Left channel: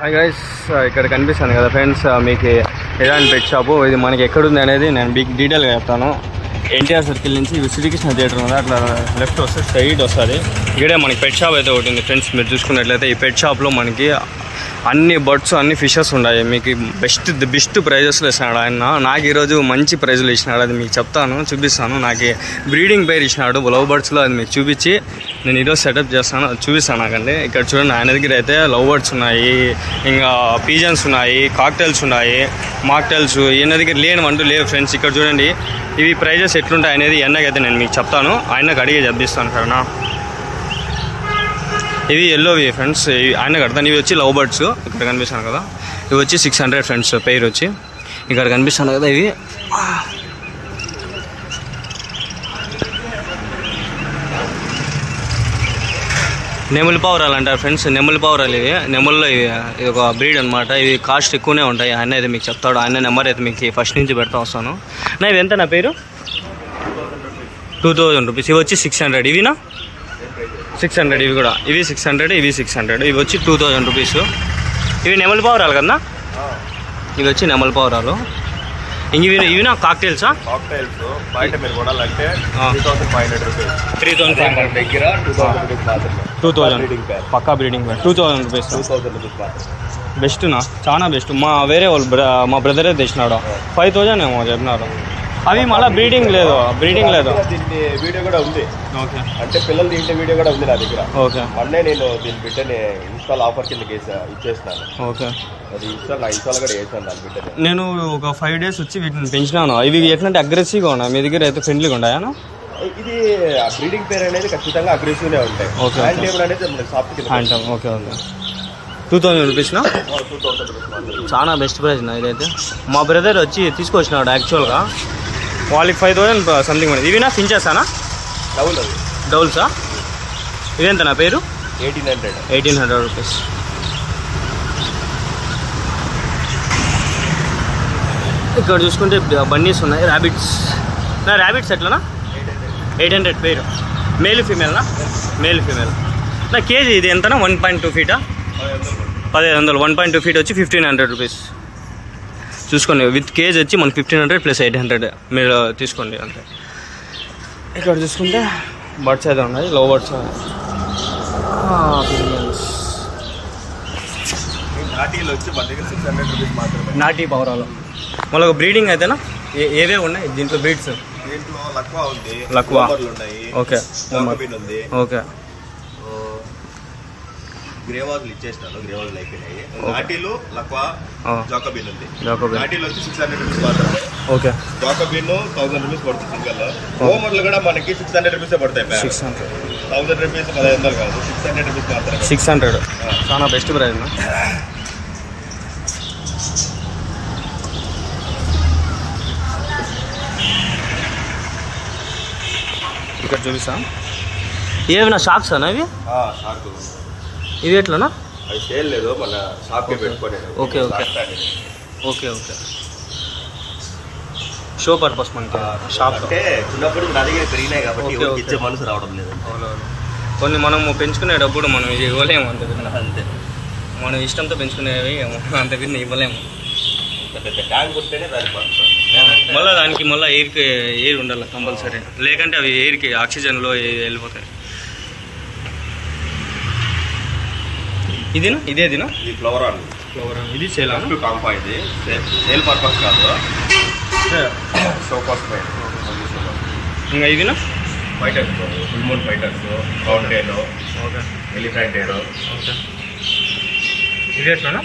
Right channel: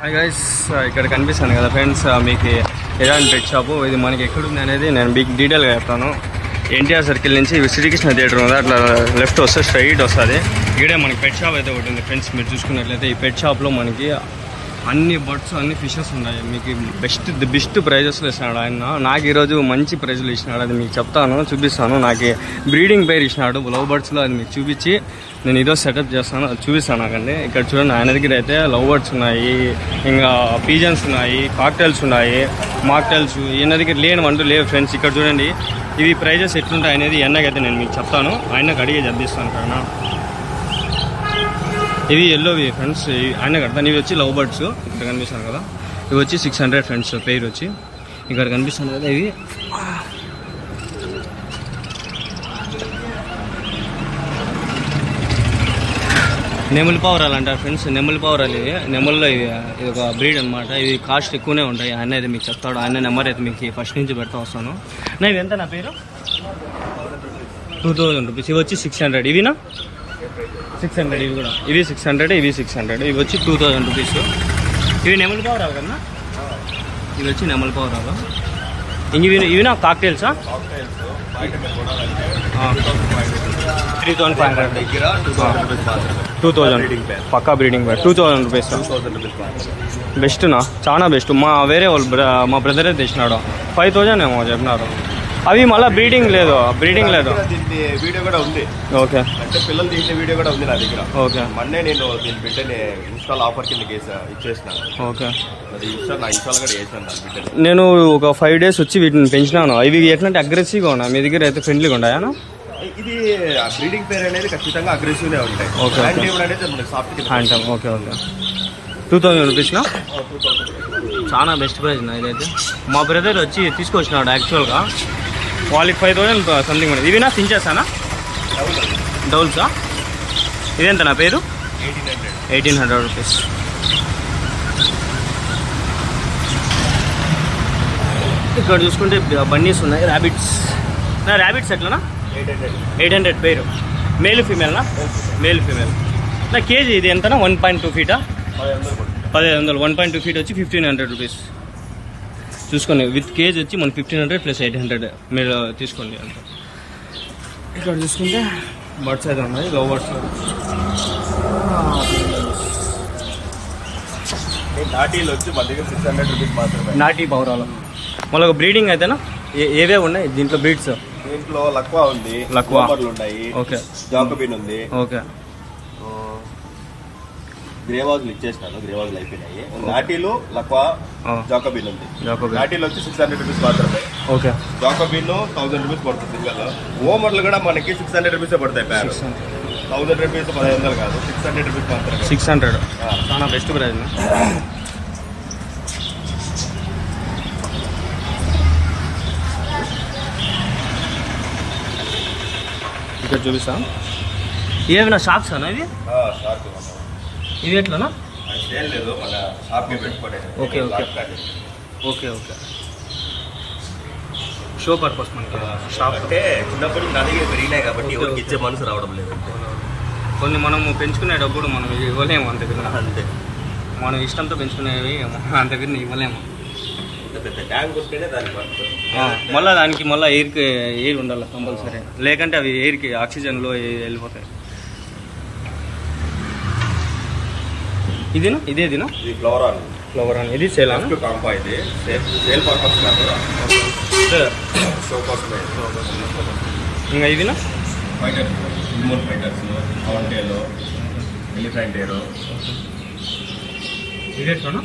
Hi guys, ఇక్కడ కనిపిస్తాను కదా ఫ్రెండ్స్, మీకు ఏదైనా పెట్ షాపు ఇది మనకి ఎక్కడుంది అనేది నేను మీకు డీటెయిల్గా చెప్తాను. ఎన్టీఆర్ సర్కిల్ నుంచి శ్రీకృష్ణ థియేటర్ ఉంది, అట్లా లెఫ్ట్ వస్తే స్ట్రైట్ వస్తుంది. ఇక్కడే మనకి పెట్ షాప్ అయితే ఒకటి ఉంది ఫ్రెండ్స్. మీరు చూసుకున్నట్లయితే ఈ పెట్ షాప్లో మనకి అన్ని బర్డ్స్ అన్ని ఫిషెస్ ఉన్నాయి. మీకు బెస్ట్ ప్రైజెస్లో ఇస్తున్నాడు ఆయన. నాకు ఈరోజు మంచి ప్రైజులు ఇచ్చినాడు, అది మీకు చెప్తాను, చూపిస్తాను. నాకు బ్రీడింగ్ పేరు ఇచ్చినాడు లవ్ బర్డ్స్లో, అది మీకు చూపించి నేను ఈరోజు సెటప్ చేస్తాను, అది చూపిస్తాను నాకండి. ఇక్కడ చూడండి, ఆయన దగ్గర అయితే లవ్ బర్డ్స్ ఉన్నాయి, ఇంకా పీజన్స్ ఉన్నాయి, కాక్టైల్స్ ఉన్నాయి, మాక్టైల్స్. ఈయన దగ్గర లేనివంటూ లేవు ఫ్రెండ్స్. ఇక్కడ చూడండి, ఇవి ప్రైజెస్ ఎట్లుంటాయి అనేది ఎన్నకైతే నేను మీకు చెప్తాను, ఆయనకు అడిగే చెప్పిస్తాను సరేనా. ఇవి ఎల్లోవి ఫ్రెండ్స్, ఆయన కడతాను. ఇవి వచ్చి లవ్ బర్డ్స్, ఇక్కడ కనిపిస్తాను కదా, ఇవి వచ్చి 600 ఫ్రెండ్స్ పెయిర్ వచ్చి. ఇక్కడ కనిపిస్తాను కదా, ఇవి నెమలి పావురాలు అంటారు ఫ్రెండ్స్. నెమలి పావురాలు ఇవి, నెమల్లో ఇది ఒక బ్రీడ్ అనమాట. ఇవి కాస్ట్ ఎక్కువనే ఉంటాయి. ఆయన అయితే మీకు చెప్తాడు, ఆయన నెంబర్ అయితే మీకు ఫస్ట్ నుంచి పెడతా వస్తాను. నా ఇవి ఎంత నా పేరు 2000 రూపీస్. ఇవి వచ్చి 600. ఇవినా 600. ఇవి కూడా ఇవి 600, ఇవి 600. ఇవి వచ్చి 2000 రూపీస్. ఇవి నెమలి పావురాలు కదా, ఇవి వచ్చి నెమలి పావురాలు. ఇవి నా కాక్టైల్సా? 2000 పక్కా బ్రీడింగ్ పేర్ 2000 రూపీస్. బెస్ట్నా, చాలా బెస్ట్. వేరే వాళ్ళు మా బ్రదరే తెచ్చినాడు, 5000 ఏమో చెప్పినారు. అవి మళ్ళీ బ్రీడింగ్ లేదు వీడియో కూడా ఉంది. ఓకే, అంటే పిల్లలు దీంట్లో వీడియో కూడా ఉంది నా దగ్గర. ఓకే, మొన్నే నేను దీని బిడ్డని ఇన్స్టాల్ ఆఫర్ కింద ఇచ్చేసినాను. ఓకే, అది ఇన్స్టాల్ కూడా వేసాను దాని బిడ్డని. నేను ఒక 5 days వచ్చి వీటిని పెంచినాను. ఇవి ఎట్లంటే అగ్రెసివ్గా ఉన్నాయి, మీ దగ్గర అయితే ఫ్రెండ్లీగా ఉన్నాయా? ఇది బ్రీడింగ్ పేరు అనేది ఖచ్చితంగా అగ్రెసివ్నే ఉంటాయి. ఓకే, అనేది ఓకే, 2000 రూపీస్నా? చాలా బెస్ట్ ప్రైస్ నా ఇదైతే. మా బ్రదర్ వచ్చి తీసుకొచ్చినాడు యాక్చువల్గా, వాళ్ళకి 5000 సంథింగ్ పడింది. ఇవినా ఫించెసానా? డౌల్సా? ఇదేంత నా పేరు 1800 రూపీస్. ఇక్కడ చూసుకుంటే బన్నీస్ ఉన్నాయి, ర్యాబిట్స్. నా ర్యాబిట్స్ ఎట్లనా? 800 పేరు. మేల్ ఫీమేల్నా? Male female. నా కేజీ ఇది ఎంతనా? 1.2 ఫీటా? 1500. 1.2 ఫీట్ వచ్చి 1500 రూపీస్. చూసుకోండి, విత్ కేజ్ వచ్చి మనకి 1500 ప్లస్ 800 మీరు తీసుకోండి అంతే. ఇక్కడ చూసుకుంటే బర్డ్స్ అయితే ఉన్నాయి, లవ్ బర్డ్స్. నాటి పౌరాలు మళ్ళీ ఒక బ్రీడింగ్ అయితేనా? ఏవే ఉన్నాయి దీంట్లో బ్రీడ్స్? దీంట్లో లక్వా ఉంది, లక్వా ఉన్నాయి, ఓకే, జాకోబిన్ ఉంది, ఓకే, గ్రేవాజులు ఇచ్చేసినాను, గ్రేవాజులు అయిపోయినాయి. నాటీలు, లక్వా, జాకోబిన్ ఉంది. నాటీలు వచ్చి 600 రూపీస్ మాత్రమే. ఓకే, జాకోబిన్ 1000 రూపీస్ పడుతుంది సింగల్. హోమర్లు కూడా మనకి 600 రూపీస్ పడతాయి. 1000 రూపీస్ 1500 కాదు, 600 రూపీస్ మాత్రమే. 600 చాలా బెస్ట్ ప్రైస్. ఇక్కడ చూపిస్తా, ఏమైనా షాప్స్ అన్నా ఇవి? ఇవి ఎట్లనా? ఓకే, షో పర్పస్ మనకి షాప్. చిన్నప్పుడు నా దగ్గర పెరిగినాయి కాబట్టి ఇచ్చే మనసు రావడం లేదు. కొన్ని మనము పెంచుకునేటప్పుడు మనం ఇది ఇవ్వలేము అంత విన్న, అంతే. మనం ఇష్టంతో పెంచుకునేవి అంత విన్న ఇవ్వలేము. పెద్ద ట్యాంక్ ఉంటేనే దాని మళ్ళీ దానికి మళ్ళీ ఎయిర్ ఉండాలి కంపల్సరీ, లేకంటే అవి ఎయిర్కి ఆక్సిజన్లో వెళ్ళిపోతాయి. ఇదేనా? ఇదేదినా? ఈ ఫ్లవర్ ఇది సేల్ కాంపా, ఇది సేల్ పర్పస్ కాదు, షో కోసమే. ఇంకా ఇదినా? ఫైటర్స్, ఫుల్మూన్ ఫైటర్స్, కౌంట్ టైలో, ఎలిఫెంట్ ఎయిర్. ఓకే, ఇది ఎట్లా?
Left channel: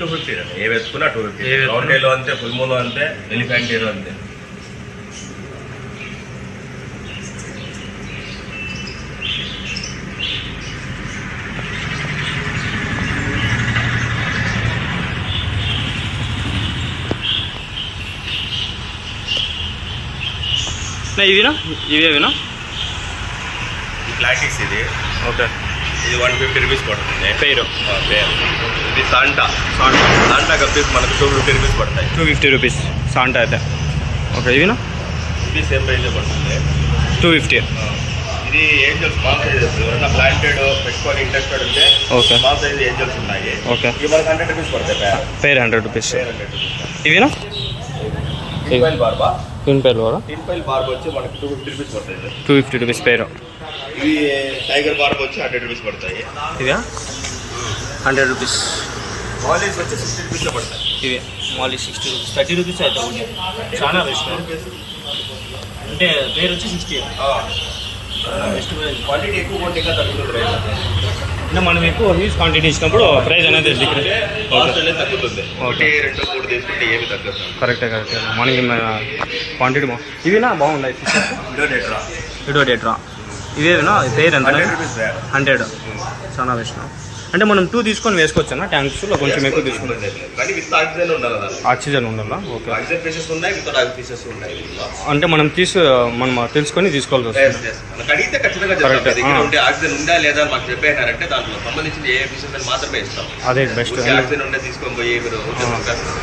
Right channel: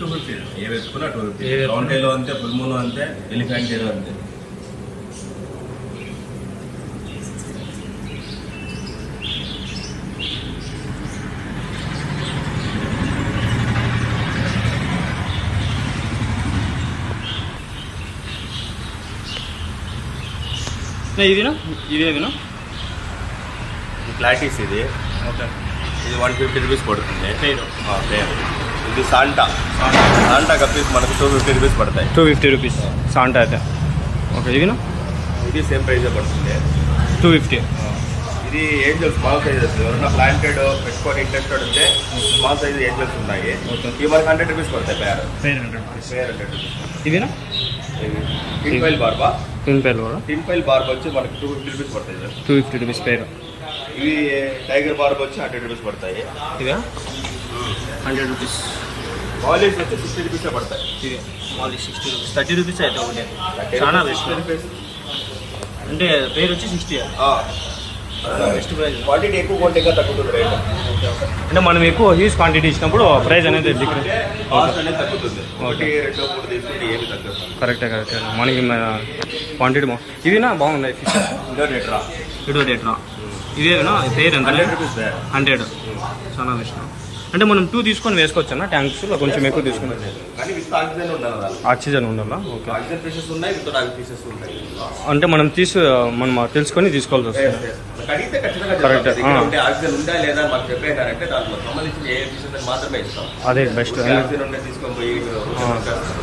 250. ఏ వేసుకున్నా 250. కౌంట్ టైలో అంతే, ఫుల్మూన్ అంతే, ఎలిఫెంట్ ఎయిర్ అంతే. ఇవినా? ఇవేవినా? ఈ ప్లాటిక్స్ ఇది. ఓకే, ఇది 150 రూపీస్ పడుతుంది పేరు. ఇది సాంటా కప్పీస్ మనకు 250 రూపీస్ పడతాయి. 250 రూపీస్ సాంటా అయితే. ఓకే, ఇవినా? ఇది సేమ్ ప్రైజే పడుతుంది, 250. ఇది ఏంజల్స్ స్మాల్ సైజెస్. ఎవరైనా ప్లాంటెడ్ పెట్టుకొని ఇంట్రెస్టెడ్ ఉంటే ఓకే స్మాల్ సైజ్ ఏంజల్స్ ఉన్నాయి. ఓకే ఇవి మనకి 100 రూపీస్ పడతాయి. పేర్ 100 రూపీస్. ఇవినా టిన్ పైల్ బార్బా. టిన్ పైల్ కూడా టిన్ పైల్ బార్బ్ వచ్చి మనకి 250 రూపీస్ పడతాయి సార్. 250 రూపీస్ పేరు. ఇవి టైగర్ బార్బ్ వచ్చి 100 రూపీస్ పడతాయి. ఇవా 100 రూపీస్. మాలీస్ వచ్చి 60 రూపీస్ పడతాయి. ఇవే మాలీ 60 రూపీస్. 30 రూపీస్ అయితే ఒకటి చాలా బెస్ట్. అంటే పేరు వచ్చి 60. చాలా బెస్ట్ ప్రైస్. క్వాంటిటీ ఎక్కువ కొంటే ఇంకా తగ్గుతుంది రేట్. అంటే మనం ఎక్కువ హ్యూజ్ క్వాంటిటీ ఇచ్చినప్పుడు ప్రైస్ అనేది డిఫరెంట్ అనేది తగ్గుతుంది. 1, 2, 3 తీసుకుంటే ఏమి తగ్గదు. కరెక్టే మనకి క్వాంటిటీ ఇవినా బాగున్నాయి ఫిషెస్. ఇడోడేట్రా ఇవేనా పేరు ఎంత? 100. చాలా బెస్ట్. అంటే మనం 2 తీసుకొని వేసుకోవచ్చు అన్న ట్యాంక్స్లో కొంచెం ఎక్కువ తీసుకుంటాం. ఆక్సిజన్ ఉండాలా? ఓకే. అంటే మనం తెలుసుకొని తీసుకోవాల్సి వస్తుంది. అదే బెస్ట్.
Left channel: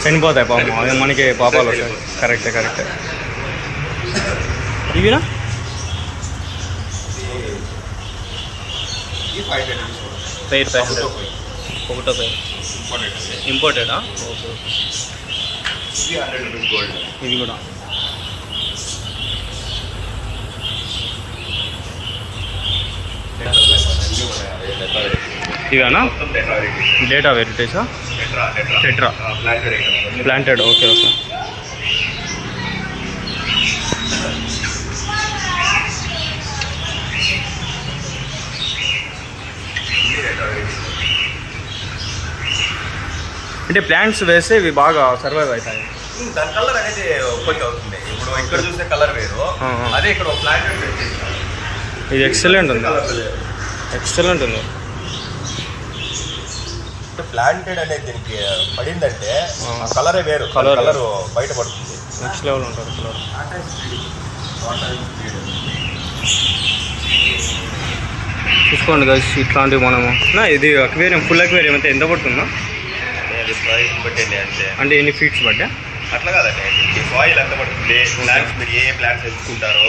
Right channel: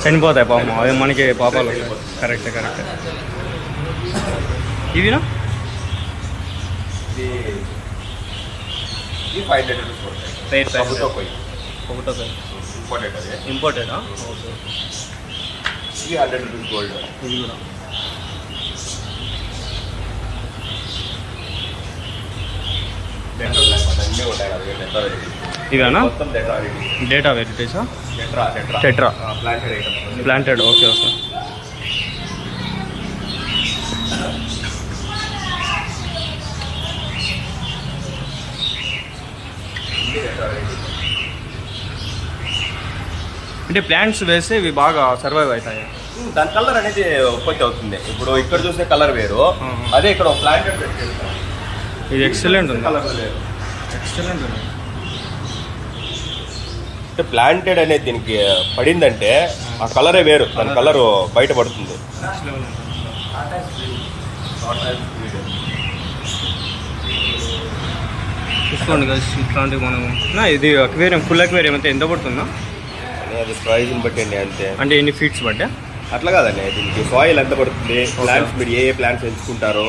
చనిపోతాయి పాపం, అదే మనకి పాపాలు వస్తాయి. కరెక్టే. ఇవినా పేరు 500. ఒకటో పేరు ఇంపోర్టెడా? ఓకే. ఇది కూడా ఇవేనా? డేటా వెరైటీసా? Tetra planted. ఓకే. అంటే ప్లాంట్స్ వేస్తే ఇవి బాగా సర్వైవ్ అవుతాయి. దాని కలర్ అనేది ఉత్పత్తి అవుతుంది. ఇప్పుడు ఇక్కడ చూసే కలర్ వేరు, అదే ఇక్కడ ప్లాంటెడ్. ఇది ఎక్సలెంట్ ఉంది. ప్లాంటెడ్ అనేది దీనికి పడిందంటే కలరే వేరు. కలర్ బయట పడుతుంది. నెక్స్ట్ లెవెల్ ఉంటుంది కలర్. చూసుకోండి గైస్, ఇట్లాంటివి మనము ఇది అక్వేరియం, ఫుల్ అక్వేరియం అయితే ఎంత పడుతుందా? అది ప్రైస్ బట్టండి. అంటే ఎన్ని ఫీట్స్ బట్టా? అట్లా కాదండి, దీనికి సాయిల్ ఎంత పడుతుంది, ప్లాంట్స్ మీరు ఏ ప్లాంట్స్ ఎంచుకుంటారో,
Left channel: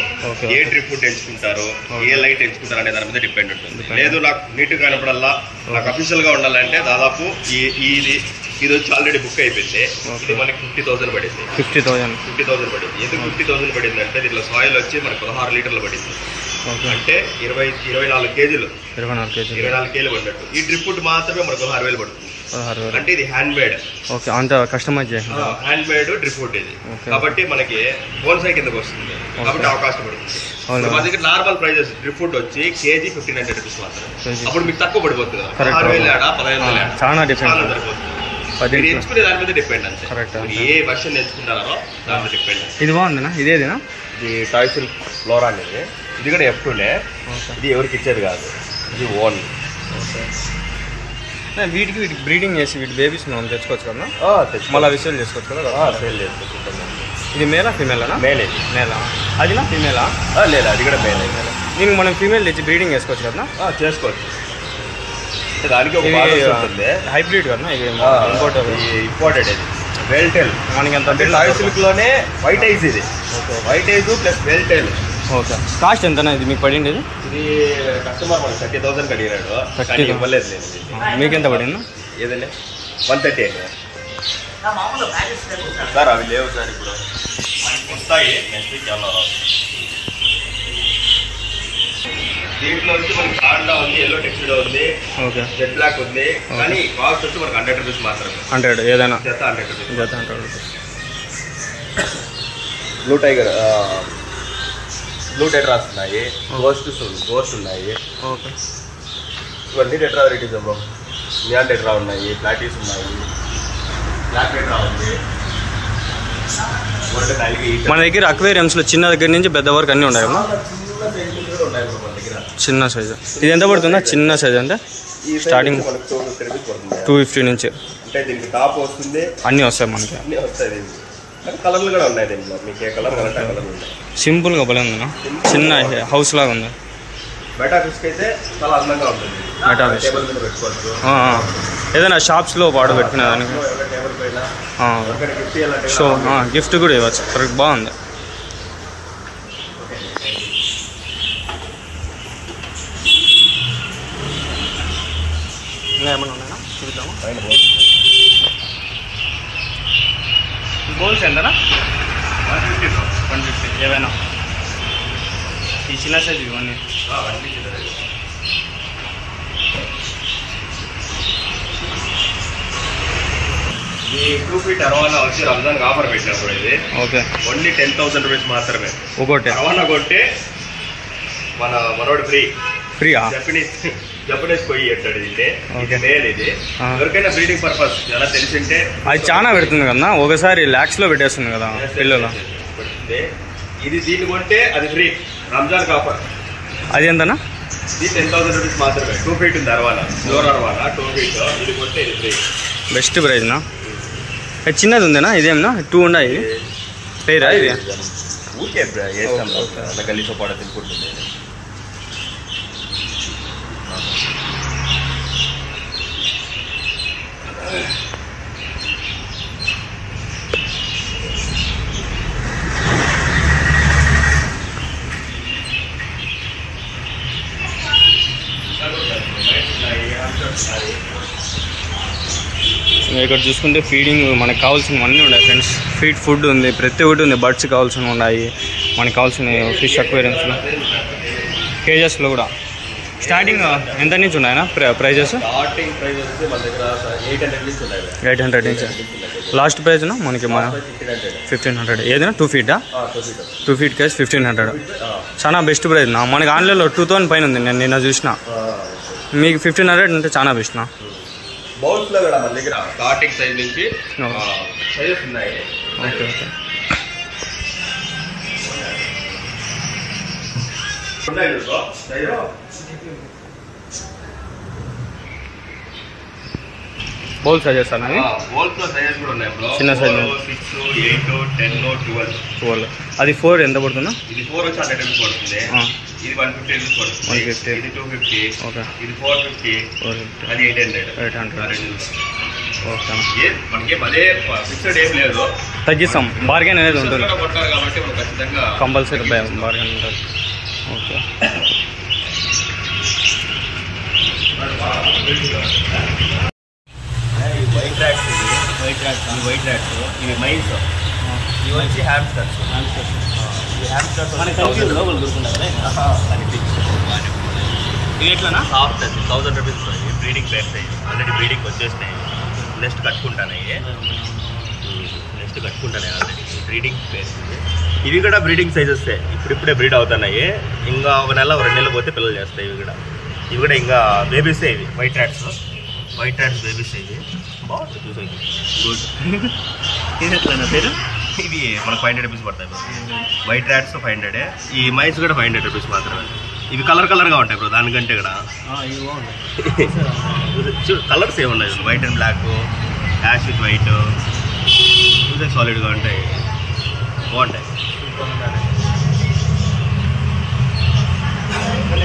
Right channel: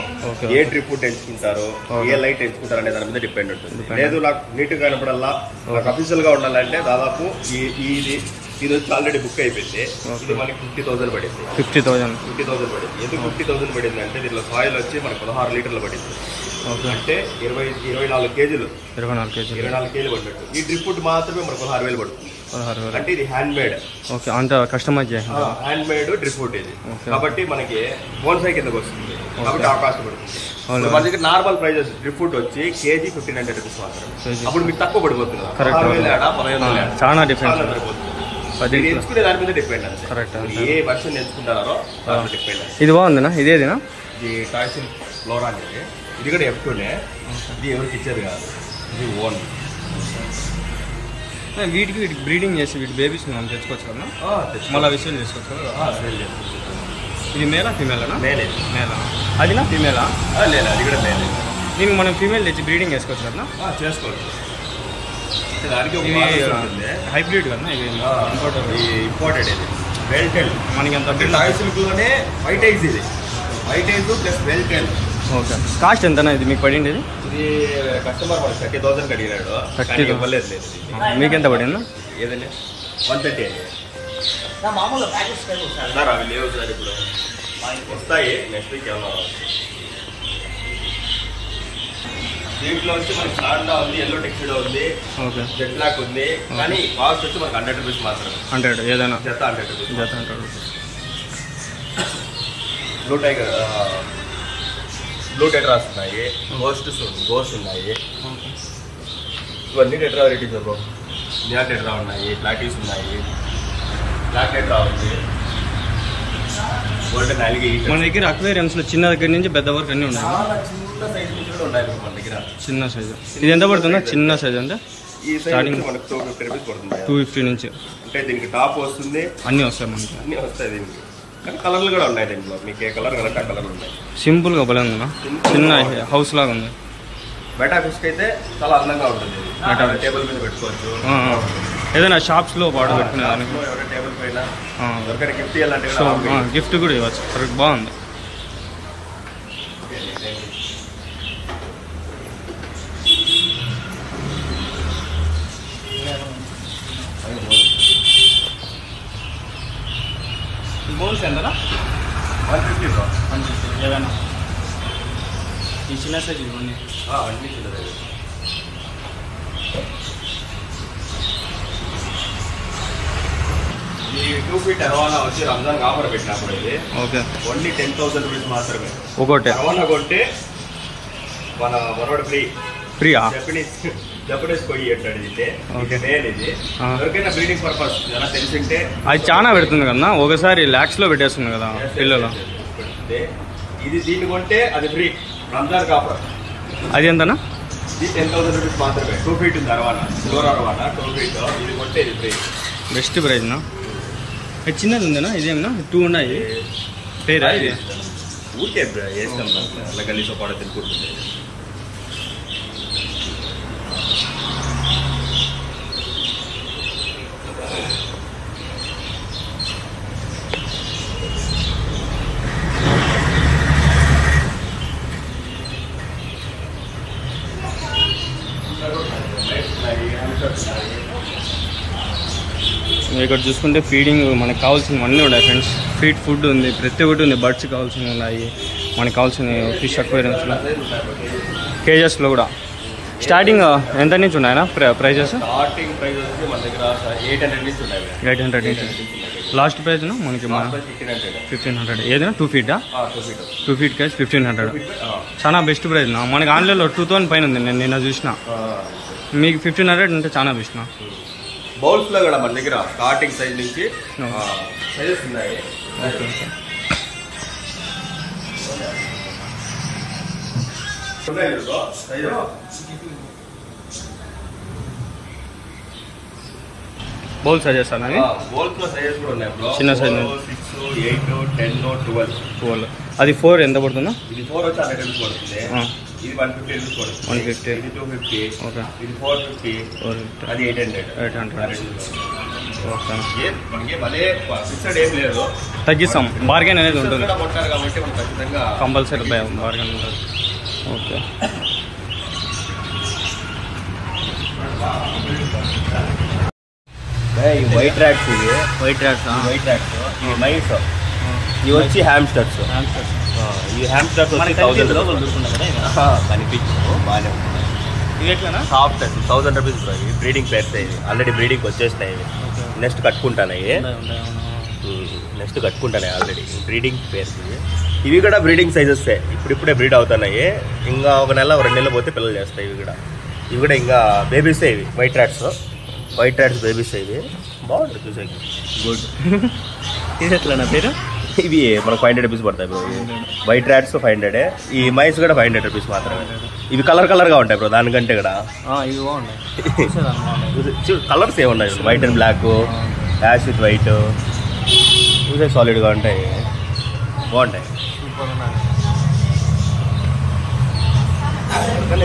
ఏ ట్రిప్ ఫుడ్ ఎంచుకుంటారో, ఏ లైట్ ఎంచుకుంటారో అనే దాని మీద డిపెండ్ ఉంటుంది. లేదు నాకు నీట్గా కనపడాలా, నాకు అఫీషియల్ గా ఉండాలంటే దాదాపు ఇది వచ్చి ఆల్రెడీ బుక్ అయిపోయింది. ఇది మనకి 50,000 పడింది. 50,000 పడింది. ఎందుకు 50,000 పడింది అంటే దీంట్లో సాయిల్ వచ్చి మనకి 16 లీటర్లు పడింది. అంటే 24 కేజీలు 24 కేజీలు పడినట్టు. ఈ డ్రిప్ ఫుడ్ మాత్రమే మనకు 16,000 పడుతుంది. అంటే ఇది హ్యాండ్ మేడ్. ఓకే, అంత కస్టమైజ్ చేసిన హ్యాండ్ మేడ్ డ్రిప్ ఫుడ్ ఇది. కాబట్టి మనకి బోన్సాయి కిందకి వస్తుంది. కాబట్టి ఆ కాస్ట్ పడుతుంది. మన దగ్గర నార్మల్ ప్రైజెస్ డ్రిప్ ఫుడ్ వచ్చి కేజీ 1,500 రూపీస్ మాత్రమే. అప్పుడు మీకు తక్కువ పడిపోతుంది. 16,000 ఏడా 15,000 చాలా డిఫరెంట్ సరిపోతుంది. ఎంచుకునే దాని మీద డిపెండ్ అంతే. ఏ వర్షన్ ఎంచుకుంటారో దాని మీద డిపెండ్. ఇది బాగుందినా? ఇదేదినా? ఇది టాయ్సిల్ ఫ్లోరా అనేది. ఇది కూడా F2లే. ఇది ఎవరికి ఇచ్చేది కాదు, ఇది ఓన్. వీటికి బ్రీడింగ్ చేసి వీటి బేబీస్ మనం తెచ్చుకోవచ్చు కదా, మళ్ళీ విషయాలు చేసుకోవచ్చు కదా. ఇది మేలా ఫీమేలా? మేలా. అదినా ఫీమేలా? లేదు, అది కూడా మేల్. దీనికి మనం ఫీమేల్ తెచ్చి బ్రీడింగ్ చేసుకోవచ్చు కదా? చేసుకోవచ్చు. ఇవి హైబ్రిడ్ కదా? ఇవి ఇంపోర్టెడ్. వెల్టెల్ మనకి ఎంత లోనే వైట్ ఐస్. ఇది white ice plus veiltail. Okay. Cost ఎంతనా ఇది మీకు పడింది? ఇది కస్టమర్ మనకి 30,000 అడిగినాడు, కానీ ఇవ్వలేదు. లేదు, మీకు ఎంత పడిందా? ఏదండి 130 అండి సార్. అవి లేవు సార్, ఇప్పుడు వస్తాయి నెక్స్ట్ వీక్. ఏమన్నా దీంట్లో వచ్చి మనకి సాండా ఉంది, ఎల్లో టెక్స్టైడ్ ఉంది, జెట్ బ్లాక్ ఉంది. కానీ కాస్ట్ వచ్చి మనకి 100 రూపీస్ మాత్రమే. 100 ఏదైనా జత 100 రూపీస్. జత 100 rupees. Blue tiger, blue tetras ఉన్నాయి, గోస్ట్ ఉన్నాయి. ఇవన్నీ టెట్రా వెరైటీస్. నియా టెట్రా ఉన్నాయి, ప్లాటీస్ ఉన్నాయి, బ్లాక్ టెట్రా ఉంది. మన దగ్గర అక్వేరియంస్ లో చిన్న దగ్గర నుంచి పెద్ద వరకు అన్ని ఉన్నాయి. చిన్న సైజు ఇది ఎంత పడుతుందా? చిన్న సైజు అంటే స్టార్టింగ్ 250 నుంచి అంటే దీనికి టాప్ వస్తుంది, అన్నీ వస్తాయి మనకి. అన్నీ వస్తాయి. కలర్లు కూడా ఉన్నాయి దీంట్లో, మీకు ఏ కలర్ కావాలంటే ఆ కలర్ ఉన్నాయి. సింపుల్ గా భలే ఉందన్నా, చిన్న హౌస్ లాగా ఉంది. బయట ఫిస్ట్ అయితే చాలా అందంగా ఉంటుంది. టేబుల్ మీద పెట్టుకోవచ్చు. ఏదైనా షాప్స్ లో వాడు పెట్టుకునే దానికి టేబుల్ పైన గిఫ్ట్ ఇవ్వాలంటే సో గిఫ్ట్ కూడా ఇవ్వచ్చు. కరెక్ట్, బాగుంది. ఇంకా ఏమైనా ఉన్నాయా చూద్దాము. బౌల్స్ ఎంతనా? 150 బ్రో. 150 ఏవైనా ఈ చిన్న సైజు ఇవన్నీ. ఈ 2 feet అరవానా వచ్చి రంజాన్ ఆఫర్ పెట్టినప్పుడు ఇది ఓకే ఓన్లీ 10,000 రూపీస్ మాత్రమే ఒకటి. అరవానా కొంటే మనోడు ఫ్రీయా? జపనీస్ కొయ్యి అంటాడు. ఇది మేల్. ఇది ఎవరికైనా బ్రీడింగ్ పర్పస్ ఎలా తెలిసింటే అది చాలా పెడుతుంది కదా, ఒకసారి లాక్స్ లో పెట్టేస్తుంది కదా పిల్లలు. ఇది దీన్ని కొంటే అది ఫ్రీ రంజాన్ ఆఫర్. అది ఎంతనా? ఇది 10,000 రూపీస్ మాత్రమే. 2 feet ఉంది అరవానా, ఫ్లోర్ అరవానా 2 feet. ఇది కొంటే ఇది ఫ్రీ. బెస్ట్ ప్రైజ్నా? చిన్నది ఉందేనా? ఇదేమన్నా 2 ఉన్నాయి. ఇది పేరా? ఇది ఊరికే గలీసో పాడ తినుకుంటుంది. ఇక్కడ చూసుకుంటే ఫీడింగ్ మనకు కావాల్సినవన్నీ ఉన్నాయి ఫ్రెండ్స్. ఫుడ్ ఉంది, ప్రతి ఒక్కటి ఉంది. బర్డ్స్ కావాల్సినవి ఉన్నాయి, మనకు కావాల్సిన ఫిష్ అక్వేరియంస్లో, కేజెస్లో కూడా. స్టార్టింగ్ ఎంత నుంచి ఉన్నాయన్నా ప్రైజెస్? స్టార్టింగ్ ప్రైస్ వచ్చి మన దగ్గర 800 నుంచి ఉన్నాయి. 800 నుంచి లాస్ట్ ప్రైజ్నా మనకి 1500. ఏదైనా 2 feet? 2 feet case 1500. చాలా బెస్ట్ ప్రైజ్ నా. మనకి ఆన్లైన్లో 2000 పైన ఉంది, నేను నిన్న చూసిన. మీకు 1500 అంటే చాలా బెస్ట్నా. బౌల్స్ లో కూడా మన దగ్గర స్టార్టింగ్ సైజ్ నుంచి సైజెస్ ఉన్నాయి. Okay okay. బౌల్ సైజెస్ అన్నది? బౌల్స్ లో సైజెస్ కూడా ఉన్నాయి బ్రో. చిన్న సైజ్ 6, 8, 10, 12. అది 4 ఎంత పడుతుందా? ఇది 4 వచ్చి 100 రూపీస్ పడుతుంది. ఇది 150 రూపీస్ పడుతుంది. 150. ఇది 250. ఓకే. ఇది 450. అది 800. ఓకే. మనకి అదే ఫిక్స్డ్ ఏం లేదు, తగ్గిస్తాం. బార్గెన్ అనేది ఉంటుంది కొంటారు కాబట్టి మనం ఖచ్చితంగా కంపల్సరీ బార్గెన్ ఉంటుంది. ఓకే. White rats. ఇవి వైట్ ర్యాట్స్ ఇవి మైన్స్. ఇవి వచ్చి హ్యామ్స్టర్స్. ఇవి హ్యామ్స్టర్స్ మనకి కనిపించదు, లోపల దొరుకుతున్నాయి కదా. ఇంకా కనిపించదు, బాగానే ఉంటుంది. ఇవి ఎట్లనా? Soft 1000 rupees breeding pairs. Already breeding వచ్చేసినాయి. నెక్స్ట్ కట్టుకుంటాయి. Already breeding pairs. ఇవి కూడా బ్రీడింగ్ సైజెస్. ఇప్పుడే బ్రీడ్ అవుతున్నాయి. ఇంకా 1 నెల 2 నెలలు పోతే పిల్లలు చేస్తాయి. ఇవి కూడా ఇంకా బేబీసే. ఇవి వైట్ ర్యాట్స్ బేబీస్. ఇవి బాగుంటుంది చూసేకి. గుడ్. ఇది ఎట్లనా పేరు? ఇవి మనకు 500 రూపీస్ పడతాయి బ్రో. White rats 500. ఈ మైస్ కూడా 500 రూపీస్ మాత్రమే. ఇవి కలర్గా ఉంటాయి బ్రో దానికంటే కూడా. ఇవి బాగున్నాయి. చూడు కలర్స్ ఏమున్నాయి, white and black, ash with white. చూసే సాలిడ్గా ఉంటాయి, బాగుంటాయి. సూపర్ ఉన్నాయి.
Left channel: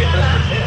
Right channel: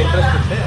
ఇంట్రెస్ట్ ఉంటే